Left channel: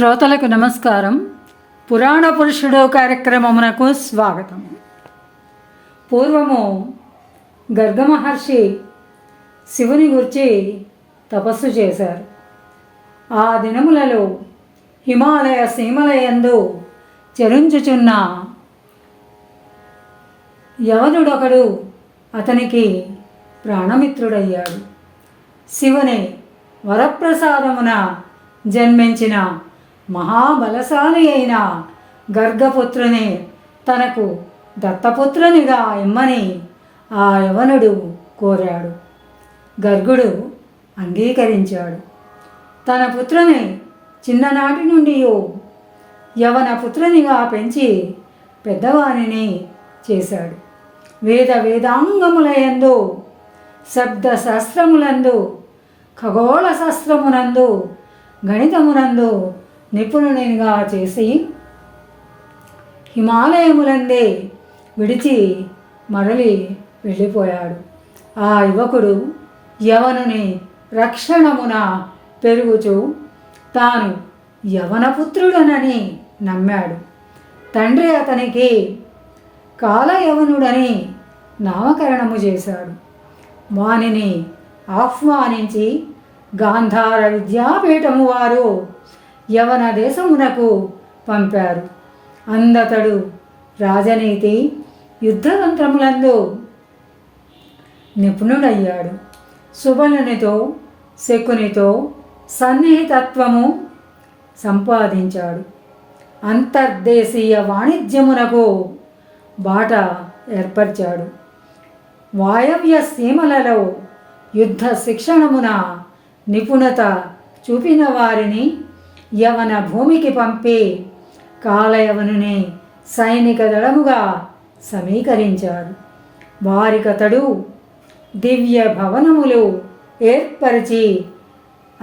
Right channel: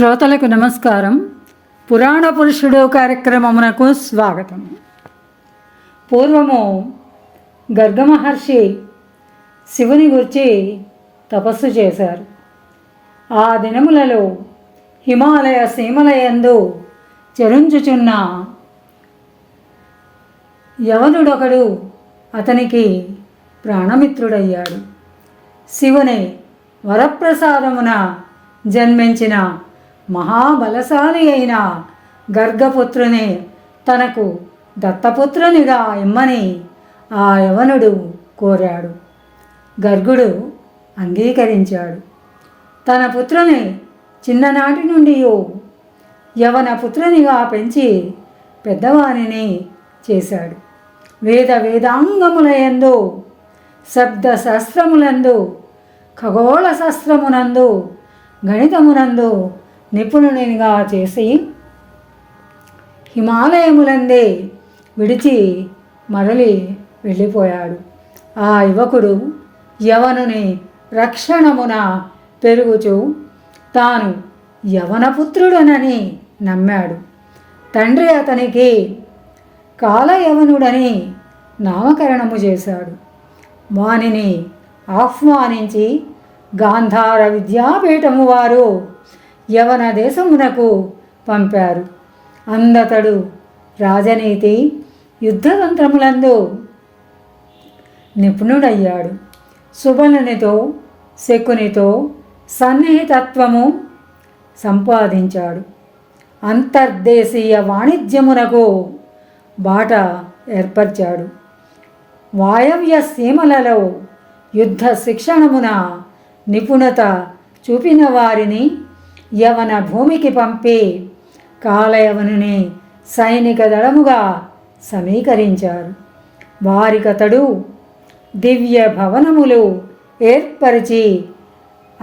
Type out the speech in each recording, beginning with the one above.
శ్రోతలకు నమస్కారం. పురాణ పురుషుడు కార్యక్రమమునకు స్వాగతం. పూర్వము గర్గమహర్షి శివుని గురించి తపస్సు చేశారు. ఆ దినములలో హిమాలయ సీమలయందు చరించుచున్న యవనుడొకడు అతనికి ప్రాణమిత్రుడయ్యాడు. శివుని వరప్రసాదమున జన్మించిన మహాబలశాలి అయిన గర్గపుత్రుని తనకు దత్తపుత్రునిగా ఇమ్మని ఆ యవనుడు కోరాడు. గర్గుడు అంగీకరించాడు. తన పుత్రుని చిన్ననాటి నుండి యవన పుత్రునిగా పెంచి పెద్దవానిని చేశాడు. వేదాంగములయందు, శబ్దశాస్త్రములందు, ఖగోళ శాస్త్రమునందు, గణితమునందు నిపుణునిగా చేసి హిమాలయములందే విడిచి మరలి వెళ్ళిపోయాడు. ఆ యువకుడు యవనుని రక్షణమున పెరుగుచూ తాను యవనపుత్రుడనని నమ్మాడు. తండ్రి అతనికి కాలయవనుడని నామకరణము చేశాడు. వానిని ఆహ్వానించి గాంధార విద్యాపీఠము వారు యవన దేశమునకు పంపారు. అందతడు రాజనీతి, యుద్ధతంత్రములందు నిపుణుడయ్యాడు. సుబలునితో, శకునితో సన్నిహితత్వము సంపాదించాడు. అంతర్దేశీయ వాణిజ్యమునకు బాట ఏర్పరిచాడు. వాయవ్య సీమలలో యుద్ధ శిక్షణమున నిపుణత చూపిన వారిని యవన భూమికి పంపి కాలయవనుని సైనిక దళముగా సమీకరించారు. వారికతడు దివ్య భవనములు ఏర్పరిచి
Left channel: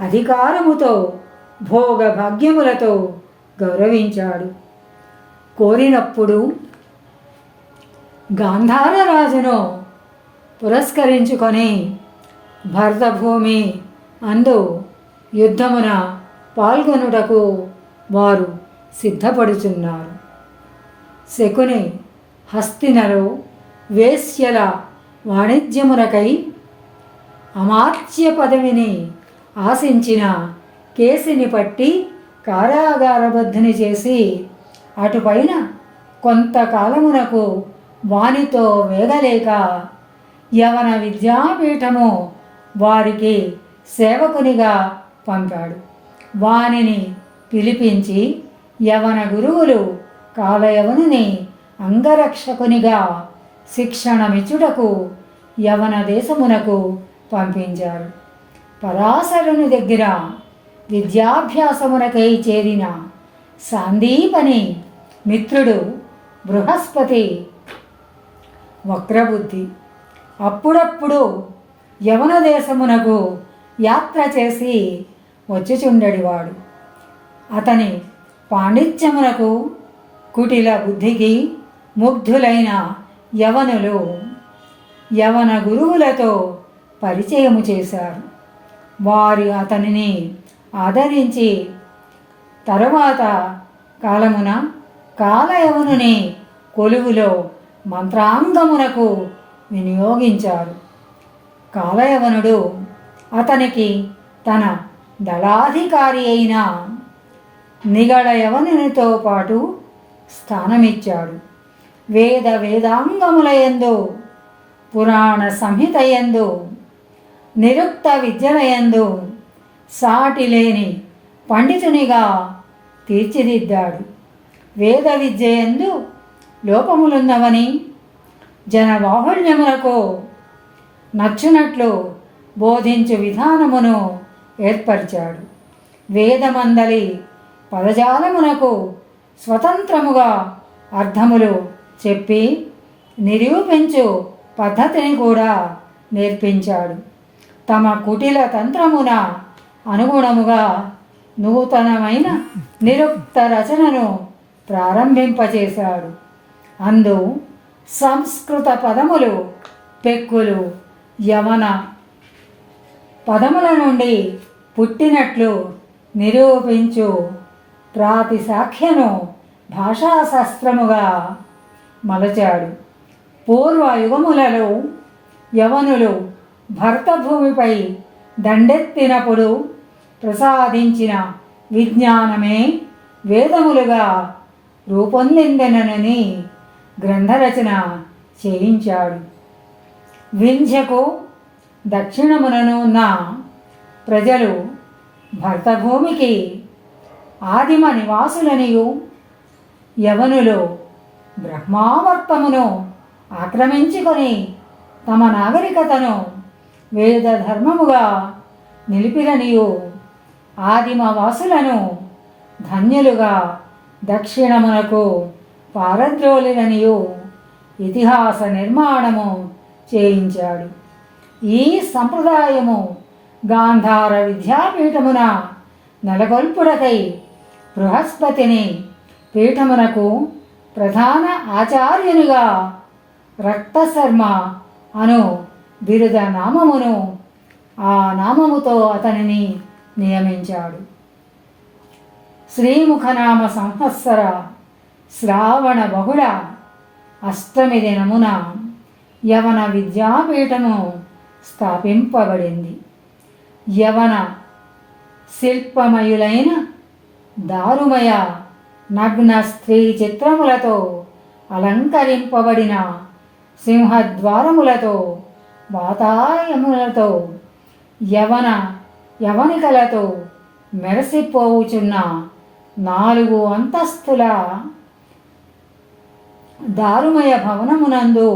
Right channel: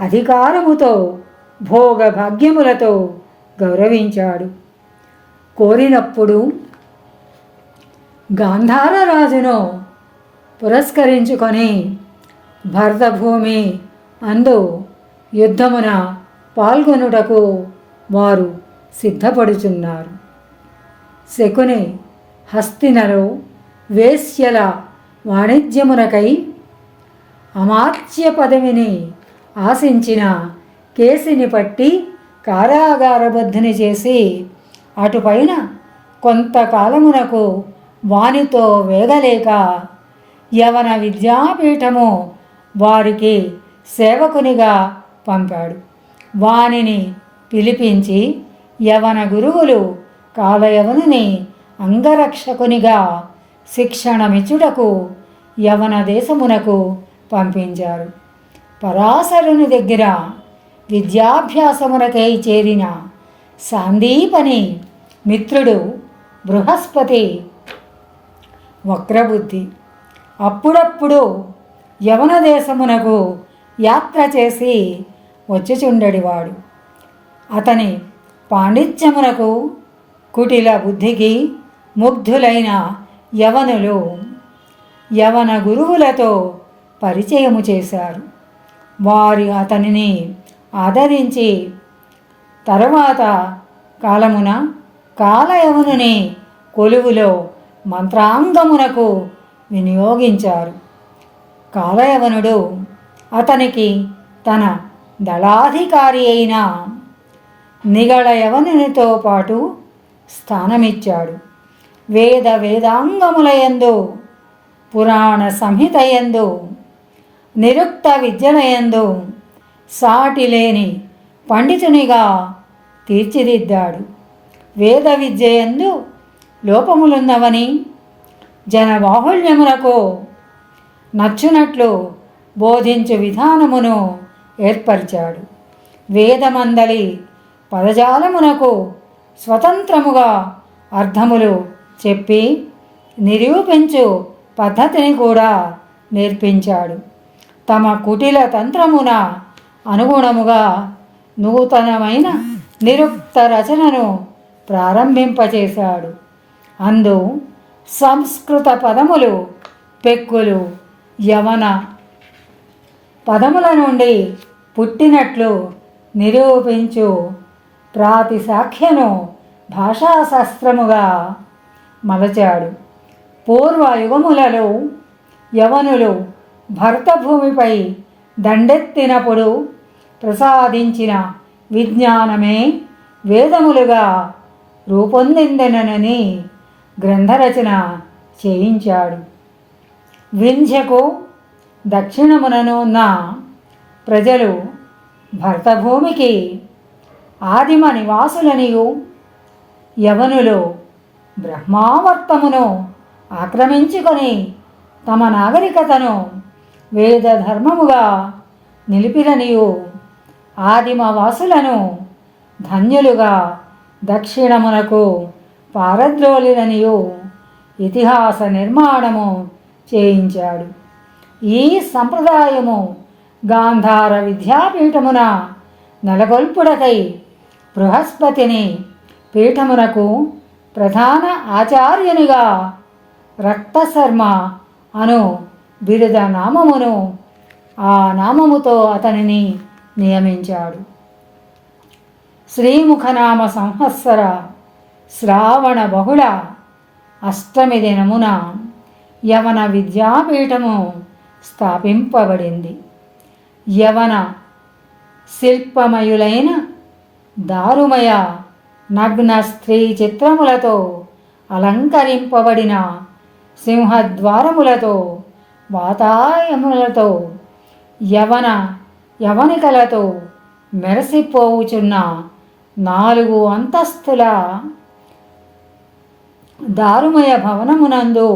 అధికారముతో భోగ భాగ్యములతో గౌరవించాడు. కోరినప్పుడు గాంధార రాజును పురస్కరించుకొని భరతభూమి అందు యుద్ధమున పాల్గొనుటకు వారు సిద్ధపడుచున్నారు. శకుని హస్తినలో వేశ్యల వాణిజ్యమునకై అమాత్య పదవిని ఆశించిన కేసిని పట్టి కారాగారబద్ధుని చేసి అటుపైన కొంతకాలమునకు వానితో వేగలేక యవన విద్యాపీఠము వారికి సేవకునిగా పంపాడు. వానిని పిలిపించి యవన గురువులు కాలయవనుని అంగరక్షకునిగా శిక్షణమిచ్చుటకు యవన దేశమునకు పంపించారు. పరాశరుని దగ్గర విద్యాభ్యాసమునకై చేరిన సాందీపని మిత్రుడు బృహస్పతి వక్రబుద్ధి. అప్పుడప్పుడు యవన దేశమునకు యాత్ర చేసి వచ్చుచుండెడివాడు. అతని పాండిత్యమునకు, కుటిల బుద్ధికి ముగ్ధులైన యవనులు యవన గురువులతో పరిచయము చేశారు. వారు అతనిని ఆదరించి తరువాత కాలమున కాలయవనుని కొలువులో మంత్రాంగమునకు వినియోగించారు. కాలయవనుడు అతనికి తన దళాధికారి అయిన నిగళయవనునితో పాటు స్థానమిచ్చాడు. వేదాంగములయందు, పురాణ సంహితయందు, నిరుక్త విద్యలయందు సాటిలేని పండితునిగా తీర్చిదిద్దాడు. వేద విద్యయందు లోపములున్నవని జనబాహుళ్యములకు నచ్చునట్లు బోధించు విధానమును ఏర్పరిచాడు. వేదమందలి పదజాలమునకు స్వతంత్రముగా అర్థములు చెప్పి నిరూపించు పద్ధతిని కూడా నేర్పించాడు. తమ కుటిల తంత్రమున అనుగుణముగా నూతనమైన నిరుక్త రచనను ప్రారంభింపచేశాడు. అందు సంస్కృత పదములు పెక్కులు యవన పదముల నుండి పుట్టినట్లు నిరూపించు ప్రాతిశాఖ్యను భాషాశాస్త్రముగా మలచాడు. పూర్వయుగములలో యవనులు భరతభూమిపై దండెత్తినప్పుడు ప్రసాదించిన విజ్ఞానమే వేదములుగా రూపొందిందనని గ్రంథరచన చేయించాడు. వింధ్యకు దక్షిణమునను ఉన్న ప్రజలు భరతభూమికి ఆదిమ నివాసులనియు, యవనులు బ్రహ్మావర్తమును ఆక్రమించుకొని తమ నాగరికతను వేద ధర్మముగా నిలిపిననియు, ఆదిమవాసులను ధన్యులుగా దక్షిణమునకు పారద్రోలిననియు ఇతిహాస నిర్మాణము చేయించాడు. ఈ సంప్రదాయము గాంధార విద్యాపీఠమున నెలకొల్పుడకై బృహస్పతిని పీఠమునకు ప్రధాన ఆచార్యునిగా రక్తశర్మ అను బిరుద నామమును ఆ నామముతో అతనిని నియమించాడు. శ్రీముఖనామ సంవత్సర శ్రావణ బహుళ అష్టమి దినమున యవన విద్యాపీఠము స్థాపింపబడింది. యవన శిల్పమయులైన దారుమయ నగ్న స్త్రీ చిత్రములతో అలంకరింపబడిన సింహద్వారములతో వాతాయములతో యవనికలతో మెరసిపోవుచున్న 4 అంతస్తుల దారుమయ భవనమునందు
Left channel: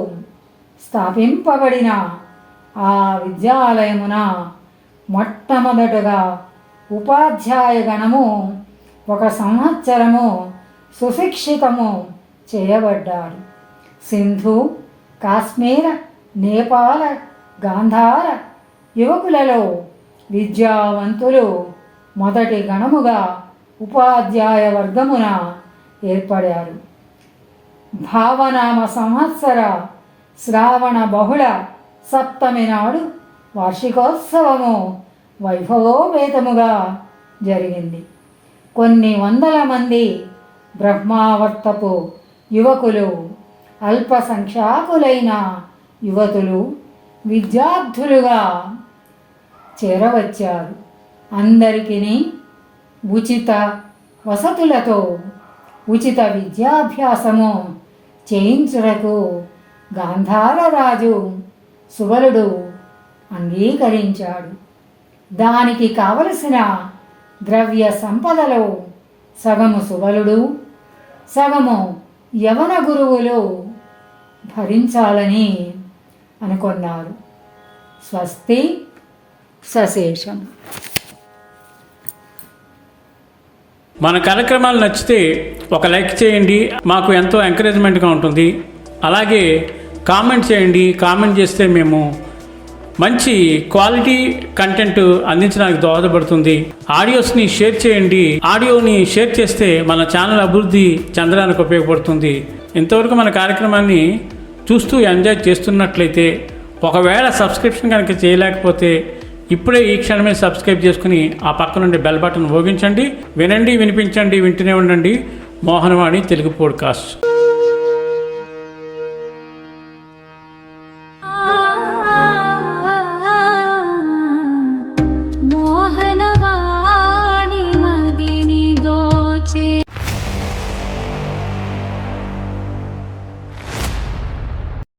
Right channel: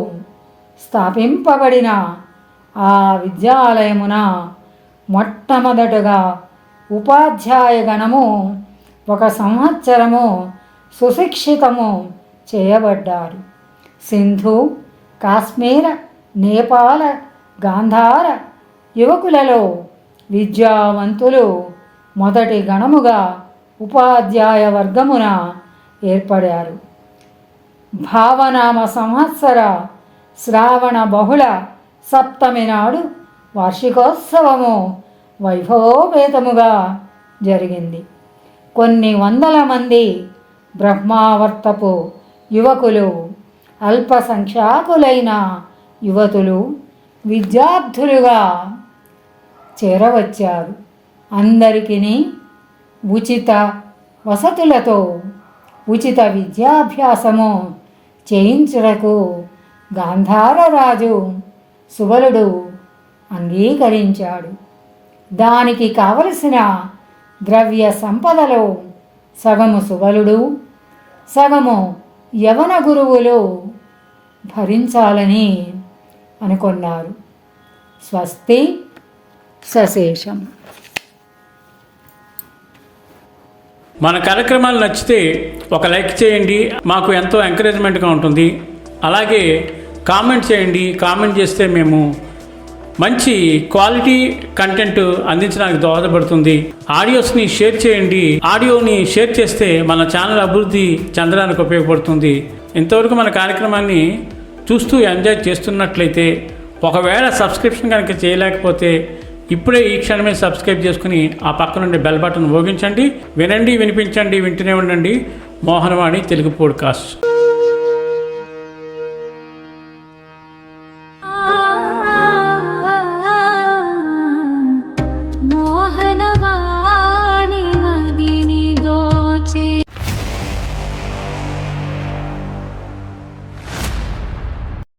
స్థాపింపబడిన ఆ విద్యాలయమున మొట్టమొదటగా ఉపాధ్యాయ గణము 1 సంవత్సరము సుశిక్షితము చేయబడ్డారు. సింధు, కాశ్మీర, నేపాల, గాంధార యువకులలో విద్యావంతులు మొదటి గణముగా ఉపాధ్యాయ వర్గమున ఏర్పడారు. భావనామ సంవత్సర శ్రావణ బహుళ సప్తమి నాడు వార్షికోత్సవము వైభవోపేతముగా జరిగింది. కొన్ని వందల మంది బ్రహ్మావర్తపు యువకులు, అల్పసంఖ్యాకులైన యువతులు విద్యార్థులుగా చేరవచ్చారు. అందరికీ ఉచిత వసతులతో ఉచిత విద్యాభ్యాసము చేయించుటకు గాంధార రాజు సుబలుడు అంగీకరించాడు. దానికి కావలసిన ద్రవ్య సంపదలో సగము సుబలుడు, సగము యవన గురువులు భరించాలని అనుకున్నారు. స్వస్తి సశేషం. మన కార్యక్రమాలు నచ్చితే ఒక లైక్ చేయండి, మాకు ఎంతో ఎంకరేజ్మెంట్గా ఉంటుంది. అలాగే కామెంట్ చేయండి. కామెంట్ చేస్తే మేము మంచి క్వాలిటీ కంటెంట్ అందించడానికి దోహదపడుతుంది. ఆడియోస్ని షేర్ చేయండి. ఆడియోని షేర్ చేస్తే మన ఛానల్ అభివృద్ధి చెందడానికి ఉపయోగపడుతుంది. ఇంతవరకు మన కార్యక్రమాన్ని చూస్తూ ఎంజాయ్ చేస్తున్నట్లయితే, ఒకవేళ సబ్స్క్రిప్షన్ కనుక చేయలేకపోతే ఇప్పుడే ఈ క్షణమే సబ్స్క్రైబ్ చేసుకుని ఆ పక్క నుండి బెల్ బటన్ మోగించండి. వినండి, వినిపించండి, వింటూనే ఉండండి మోహనవాణి తెలుగు పోడ్కాస్ట్. మోహనవాణి.